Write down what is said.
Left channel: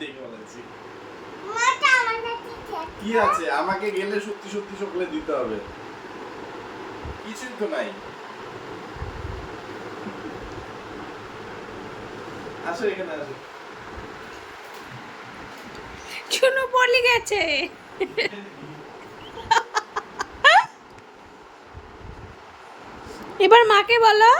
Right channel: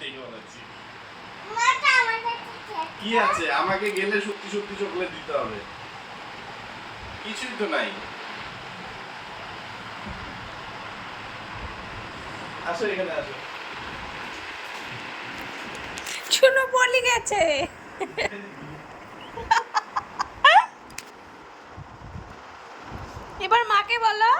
দেখে বানাচ্ছি কি আছে আমাকে গেলে সত্যি সত্যি চকলেট দিতে হবে কিছুই তো নাই আসো এখানে আসো চুনো পলি গেছে এবার মাকে বলো